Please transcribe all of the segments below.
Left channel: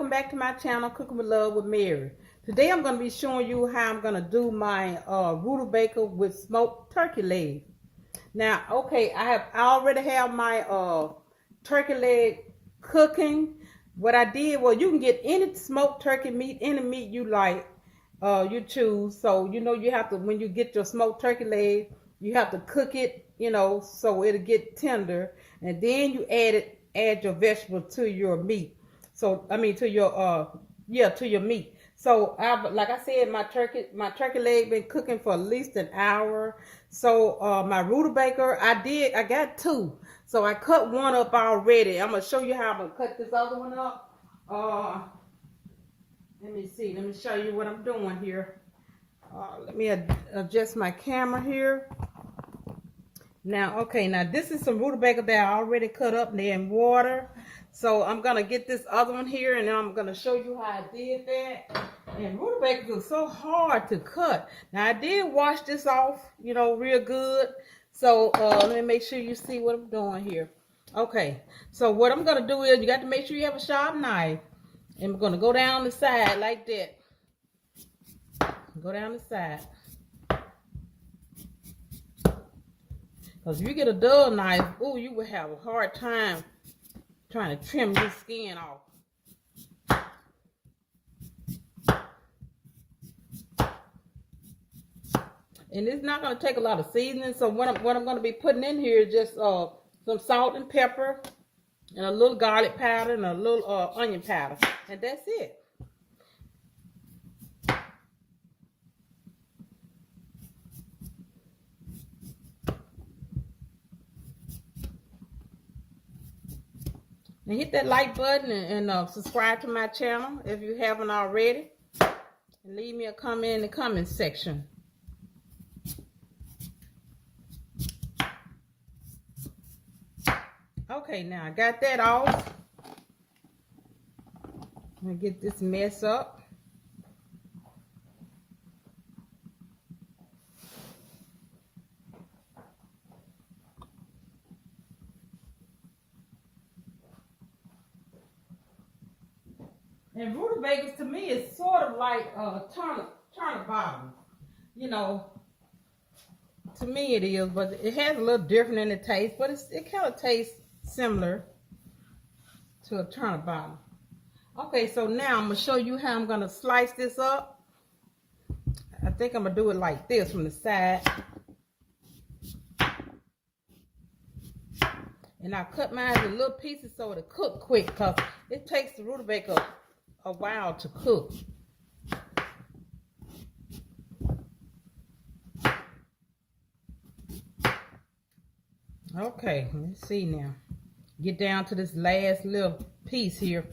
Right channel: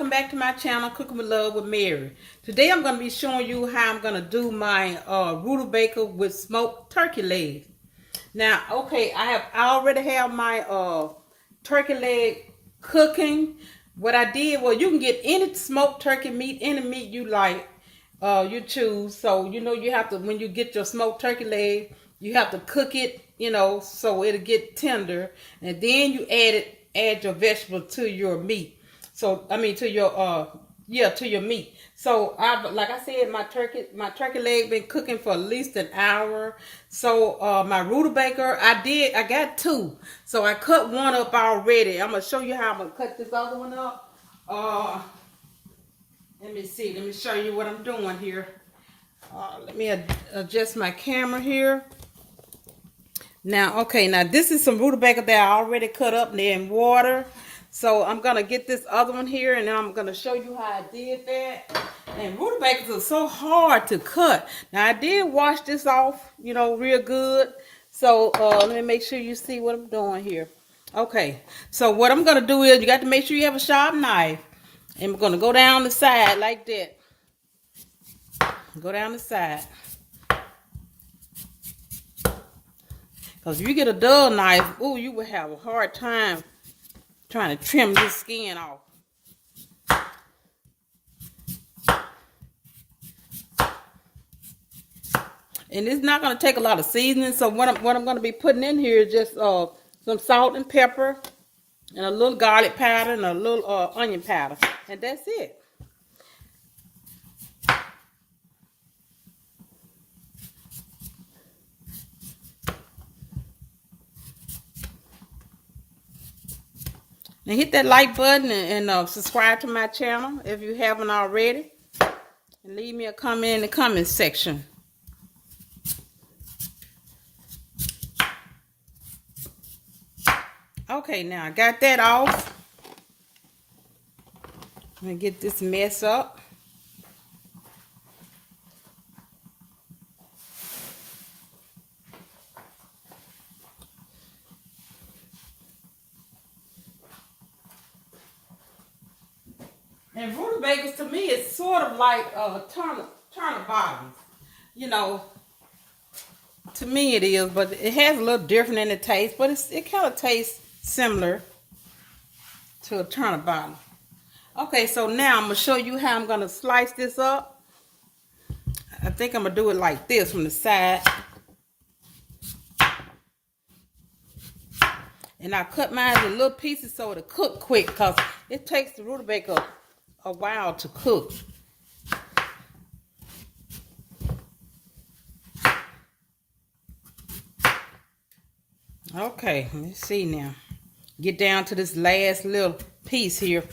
welcome back to my channel, Cooking with Love with Mary. Today I'm going to be showing you how I'm going to do my rutabaga with smoked turkey legs. Now, okay, I already have my turkey leg cooking. What I did was, you can get any smoked turkey meat, any meat you like, you choose. So, you have to, when you get your smoked turkey leg, you have to cook it, so it'll get tender. And then you add your vegetables to your meat. So, I mean, to your meat. So, like I said, my turkey leg been cooking for at least an hour. So, my rutabaga, I got two. So, I cut one up already. I'm gonna show you how I'm gonna cut this other one up. Let me see. Let me show you what I'm doing here. Let me adjust my camera here. Now, okay, now this is some rutabaga that I already cut up there in water. So I'm going to get this other one here, and I'm going to show you how I did that. And rutabagas are so hard to cut. Now, I did wash this off, real good. So let me make sure you see what I'm doing here. Okay, so what I'm going to do is, you got to make sure you have a sharp knife. And we're going to go down the side like that. Go down the side. Because if you get a dull knife, you will have a hard time trying to trim this skin off. And it's not going to take a lot of seasoning. So what I'm going to be putting in here is just some salt and pepper and a little garlic powder and a little onion powder. And that's it. And hit that like button and subscribe to my channel if you haven't already. And leave me a comment in the comment section. Okay, now I got that off. I'm going to get this mess up. And rutabagas to me is sort of like turnip bottoms. To me it is, but it has a little different in the taste, but it kind of tastes similar to a turnip bottom. Okay, so now I'm going to show you how I'm going to slice this up. I think I'm going to do it like this from the side. And I cut mine in little pieces so it'll cook quick, because it takes the rutabaga a while to cook. Okay, let's see now. Get down to this last little piece here.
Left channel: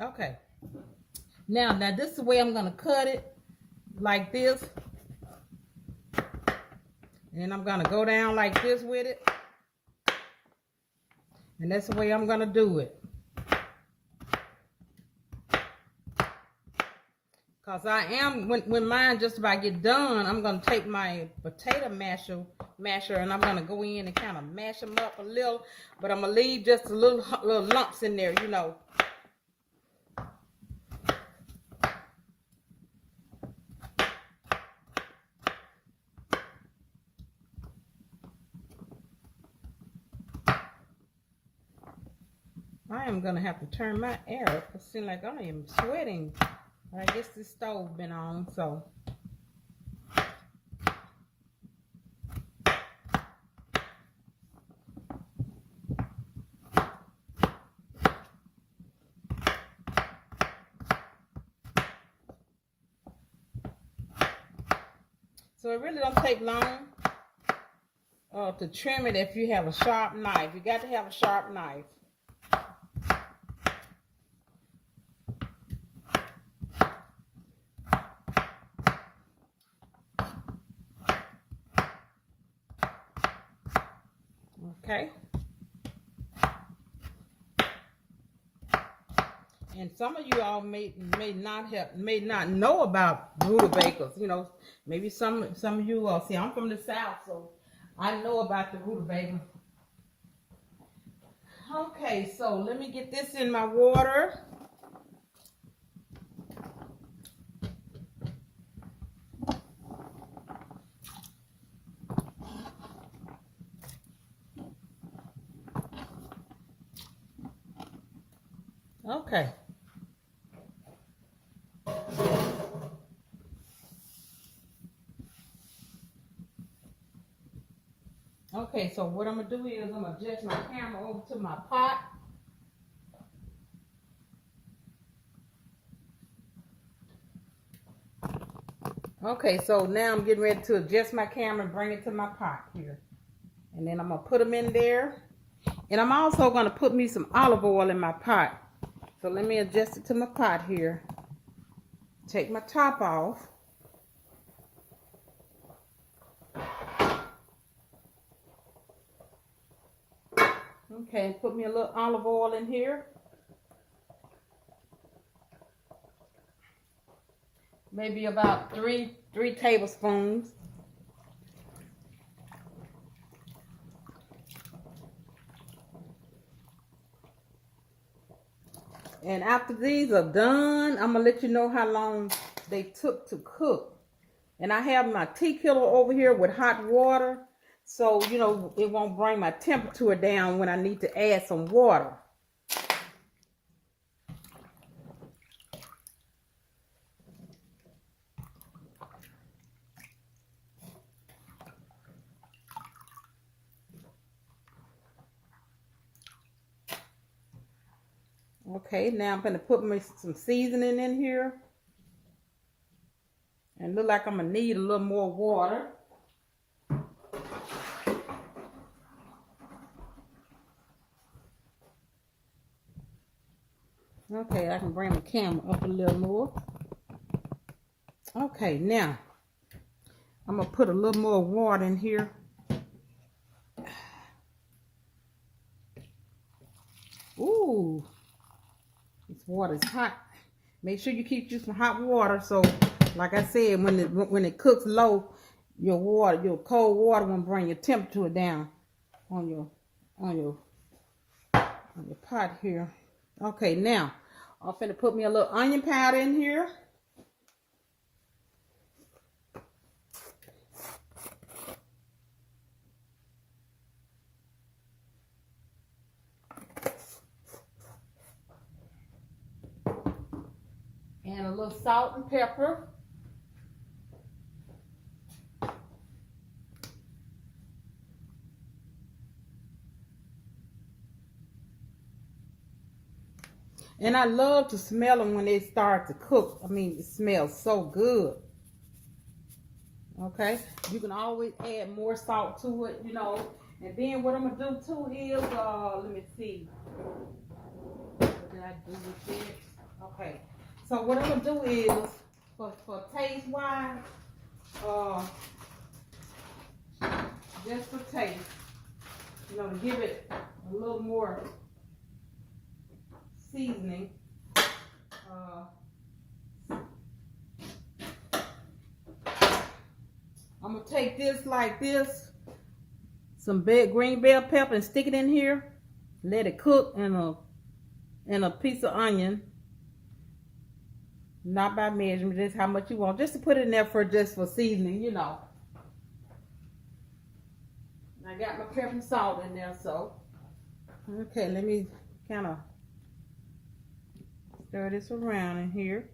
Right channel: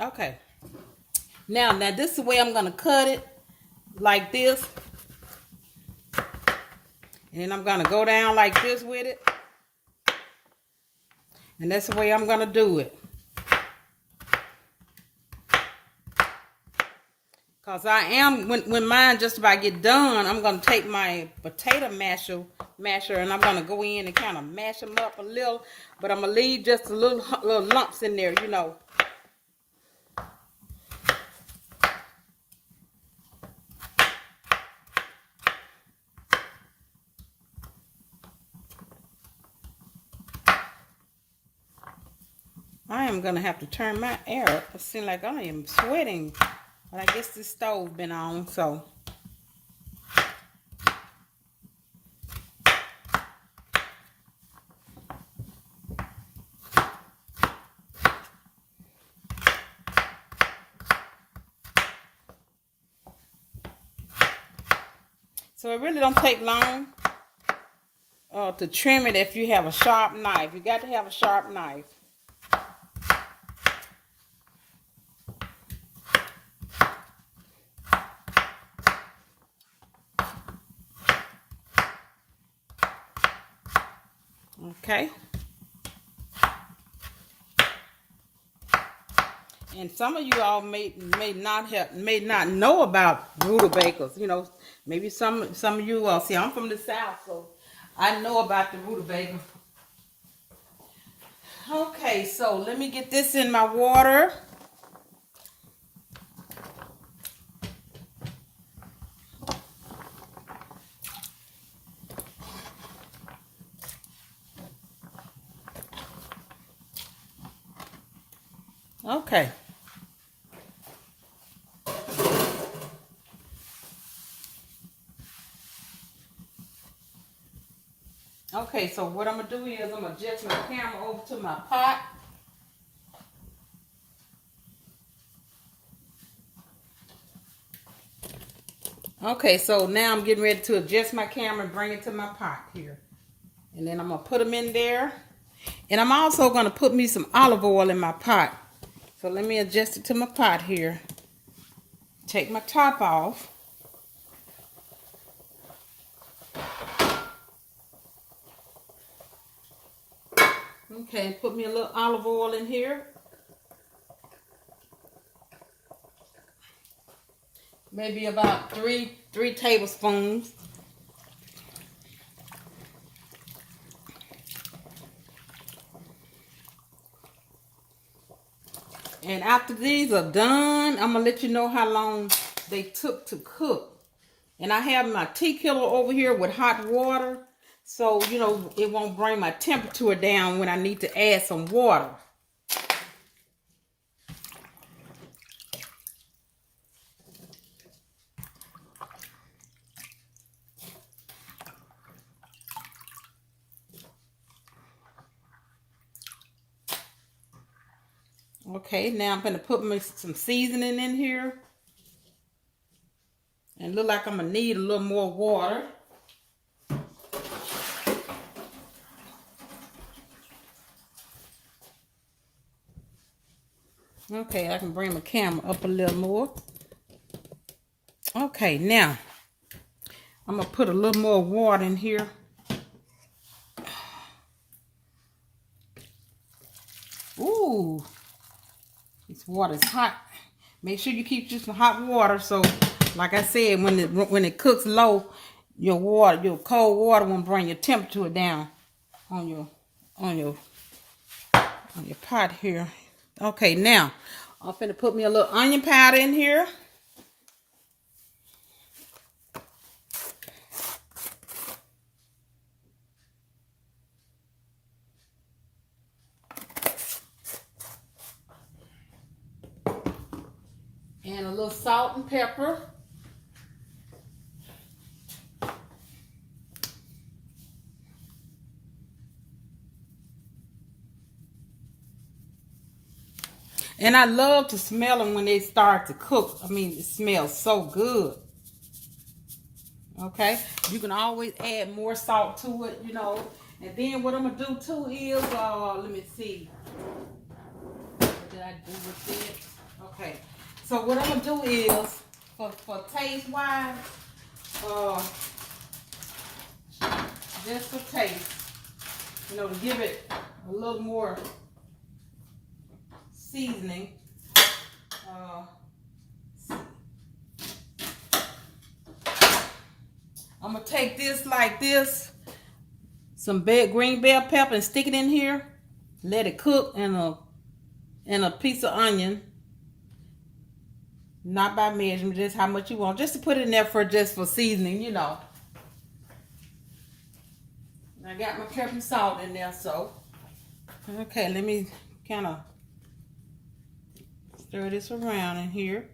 Okay. Now this is the way I'm going to cut it, like this. And then I'm going to go down like this with it. And that's the way I'm going to do it. Because I am, when mine just about get done, I'm going to take my potato masher and I'm going to go in and kind of mash them up a little. But I'm going to leave just a little lumps in there, I am going to have to turn my air up. It seems like I am sweating. But I guess this stove been on, so. So it really don't take long to trim it if you have a sharp knife. You got to have a sharp knife. Okay. And some of you all may not know about rutabagas. You know, maybe some of you all see. I'm from the South, so I know about the rutabaga. Okay, so let me get this in my water. Okay. Okay, so what I'm going to do is I'm going to adjust my camera over to my pot. Okay, so now I'm getting ready to adjust my camera and bring it to my pot here. And then I'm going to put them in there. And I'm also going to put me some olive oil in my pot. So let me adjust it to my pot here. Take my top off. Okay, put me a little olive oil in here. Maybe about three tablespoons. And after these are done, I'm going to let you know how long they took to cook. And I have my tea kettle over here with hot water. So, you know, it won't bring my temperature down when I need to add some water. Okay, now I'm going to put some seasoning in here. And look like I'm going to need a little more water. Okay, I can bring the camera up a little more. Okay, now I'm going to put a little more water in here. Ooh, this water's hot. Make sure you keep just some hot water. So, like I said, when it cooks low, your cold water won't bring your temperature down on your pot here. Okay, now I'm finna put me a little onion powder in here. And a little salt and pepper. And I love to smell them when they start to cook. I mean, it smells so good. Okay, you can always add more salt to it, you know. And then what I'm gonna do too is, let me see. What did I do with it? Okay, so what I'm gonna do is, for taste wise, just for taste, you know, to give it a little more seasoning. I'm gonna take this like this, some green bell pepper, and stick it in here. Let it cook in a piece of onion. Not by measurement, just how much you want. Just to put it in there for seasoning, you know. I got my pepper and salt in there, so. Okay, let me kind of stir this around in here.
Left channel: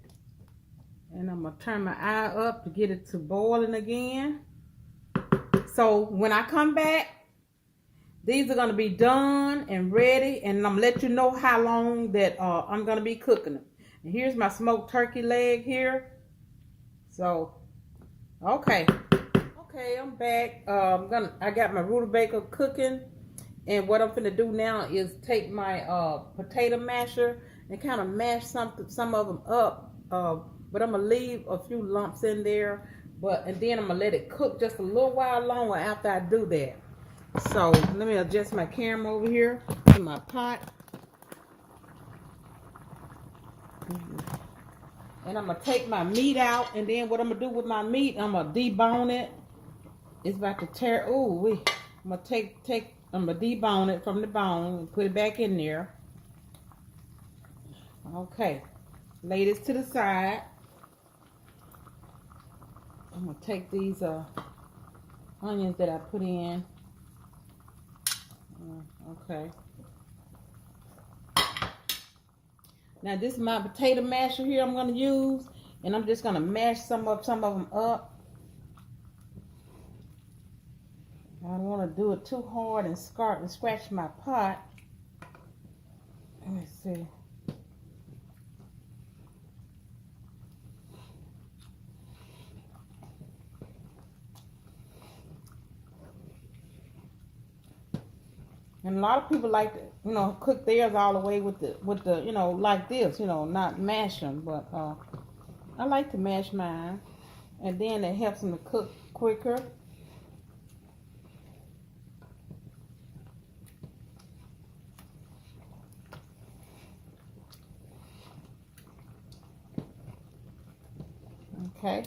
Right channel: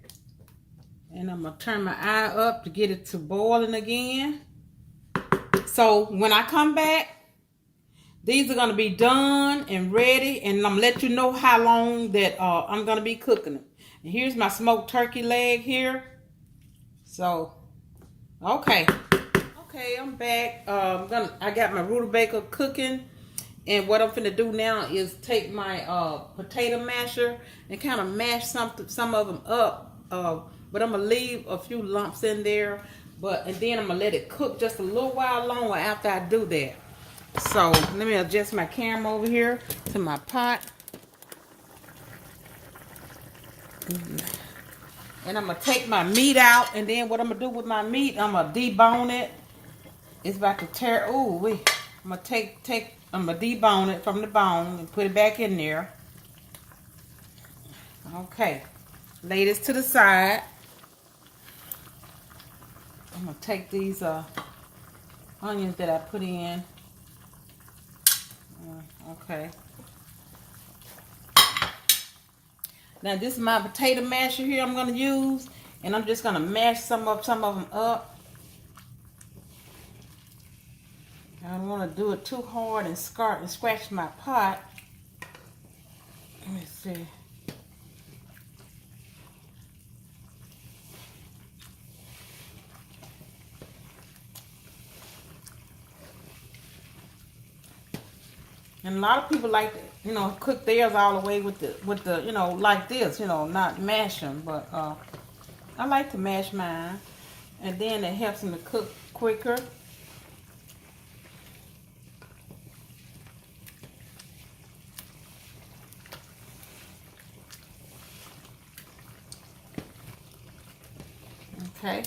And I'm going to turn my eye up to get it to boiling again. So when I come back, these are going to be done and ready. And I'm going to let you know how long that I'm going to be cooking them. And here's my smoked turkey leg here. So, okay. Okay, I'm back. I got my rutabaga cooking. And what I'm finna do now is take my potato masher and kind of mash some of them up. But I'm gonna leave a few lumps in there. And then I'm gonna let it cook just a little while longer after I do that. So let me adjust my camera over here to my pot. And I'm gonna take my meat out, and then what I'm gonna do with my meat, I'm gonna debone it. It's about to tear. Oh, wait. I'm gonna debone it from the bone and put it back in there. Okay. Lay this to the side. I'm gonna take these onions that I put in. Okay. Now this is my potato masher here I'm gonna use, and I'm just gonna mash some of them up. I don't want to do it too hard and scratch my pot. Let me see. And a lot of people like to, cook theirs all the way with the like this, not mash them. But I like to mash mine, and then it helps them to cook quicker. Okay.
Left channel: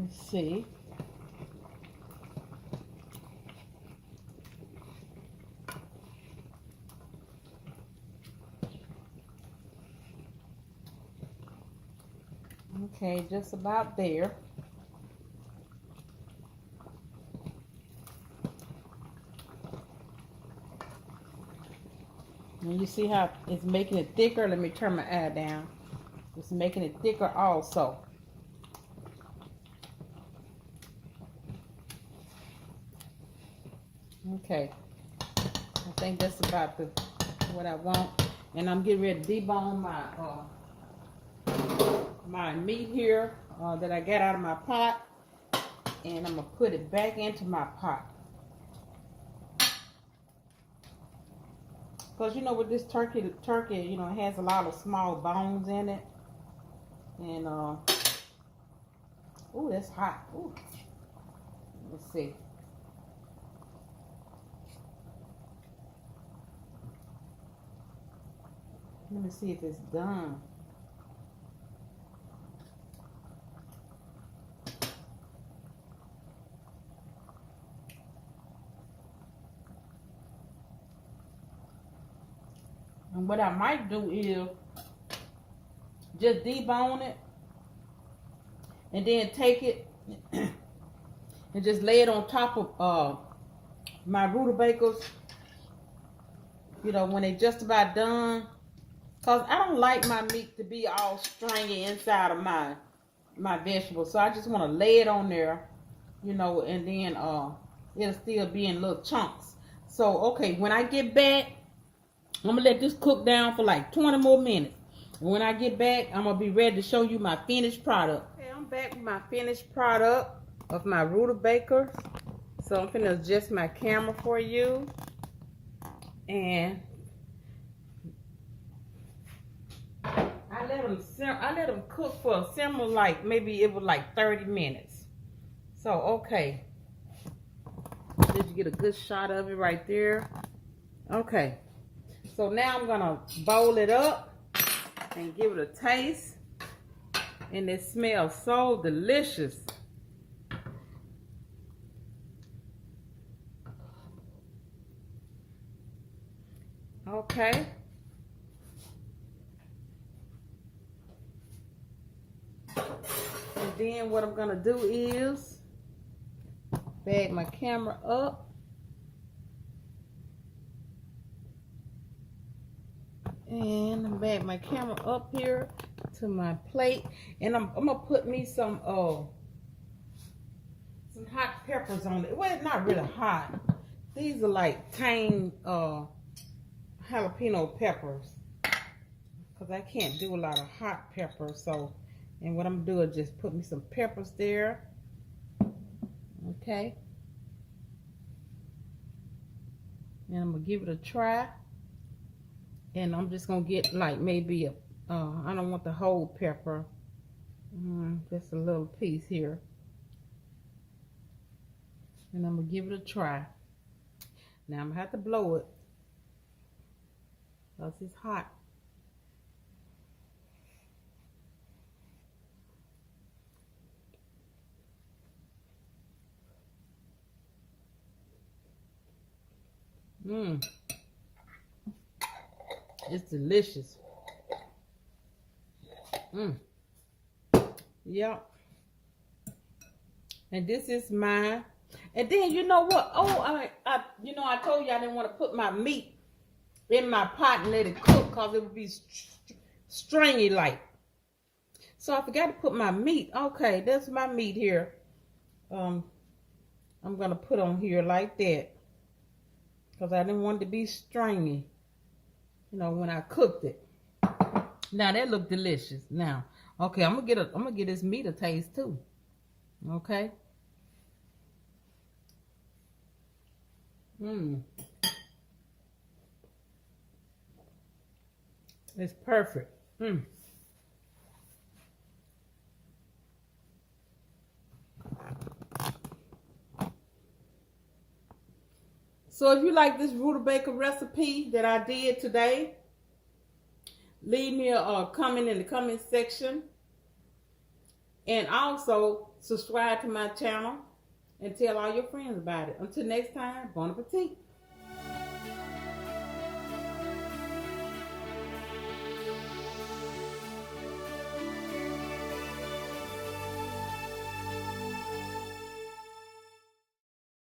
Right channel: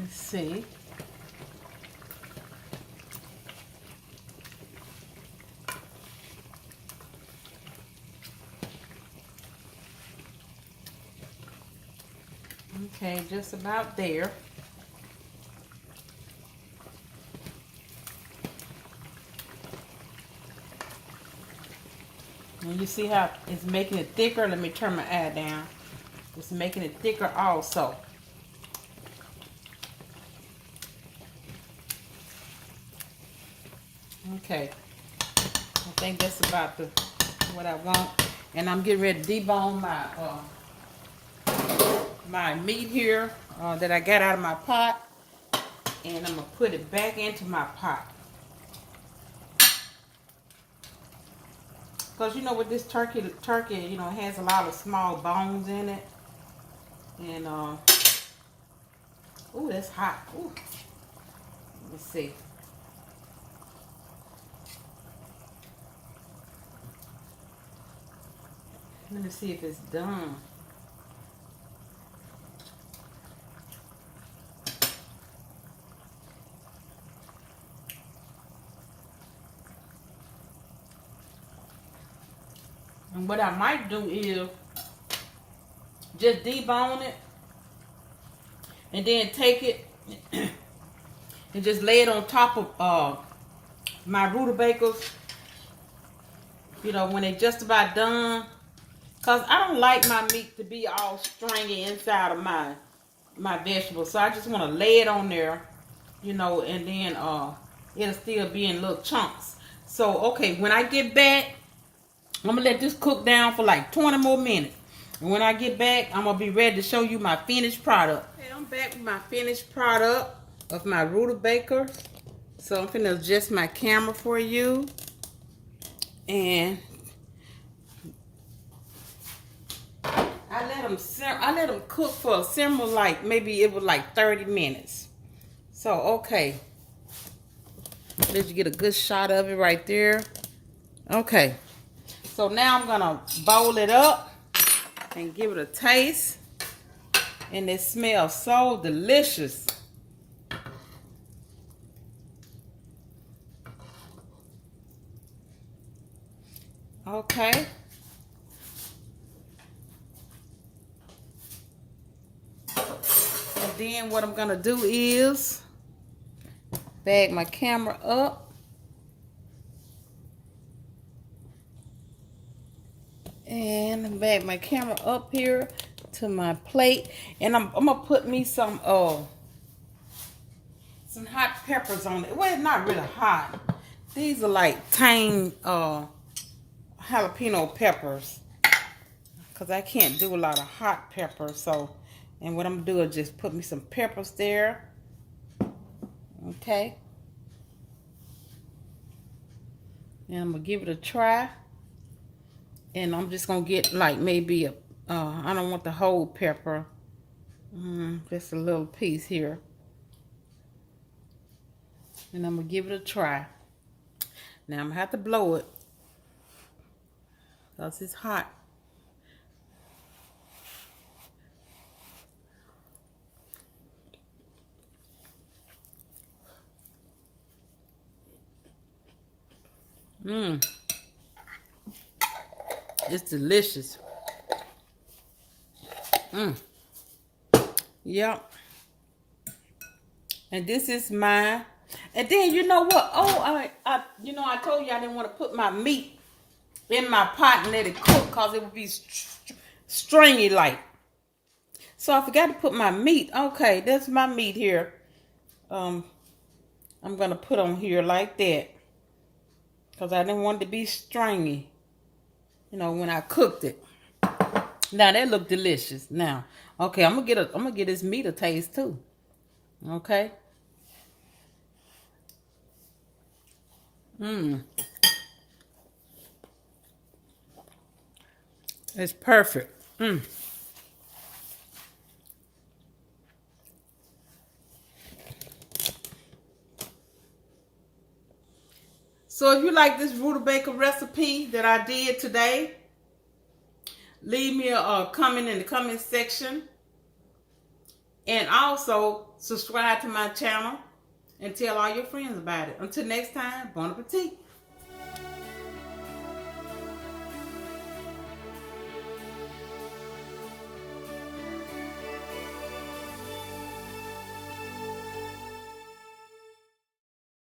Let's see. Okay, just about there. And you see how it's making it thicker? Let me turn my eye down. It's making it thicker also. Okay, I think that's about what I want. And I'm getting ready to debone my meat here that I got out of my pot, and I'm gonna put it back into my pot. Because with this turkey, it has a lot of small bones in it. And ooh, that's hot. Ooh. Let's see. Let me see if it's done. And what I might do is just debone it and then take it and just lay it on top of my rutabagas, when they just about done. Because I don't like my meat to be all stringy inside of my vegetables. So I just want to lay it on there, and then it'll still be in little chunks. So, okay, when I get back, I'm going to let this cook down for like 20 more minutes. And when I get back, I'm going to be ready to show you my finished product. Okay, I'm back with my finished product of my rutabaga. So I'm going to adjust my camera for you. And I let them cook for a simmer, like maybe it was like 30 minutes. So, okay. Let you get a good shot of it right there. Okay. So now I'm gonna bowl it up and give it a taste. And it smells so delicious. Okay. And then what I'm gonna do is bag my camera up. And bag my camera up here to my plate. And I'm gonna put me some hot peppers on it. Well, it's not really hot. These are like tame jalapeno peppers. Because I can't do a lot of hot peppers. So, and what I'm gonna do is just put me some peppers there. Okay. And I'm gonna give it a try. And I'm just gonna get like maybe I don't want the whole pepper. Just a little piece here. And I'm going to give it a try. Now I'm going to have to blow it because it's hot. It's delicious. Yep. And this is mine. And then you know what? Oh, I told you I didn't want to put my meat in my pot and let it cook because it would be stringy like. So I forgot to put my meat. Okay, that's my meat here. I'm gonna put on here like that because I didn't want it to be stringy. You know, when I cooked it. Now that look delicious. Now, okay, I'm gonna get this meat a taste too. Okay. It's perfect. So if you like this rutabaga recipe that I did today, leave me a comment in the comment section. And also subscribe to my channel and tell all your friends about it. Until next time, bon appetit.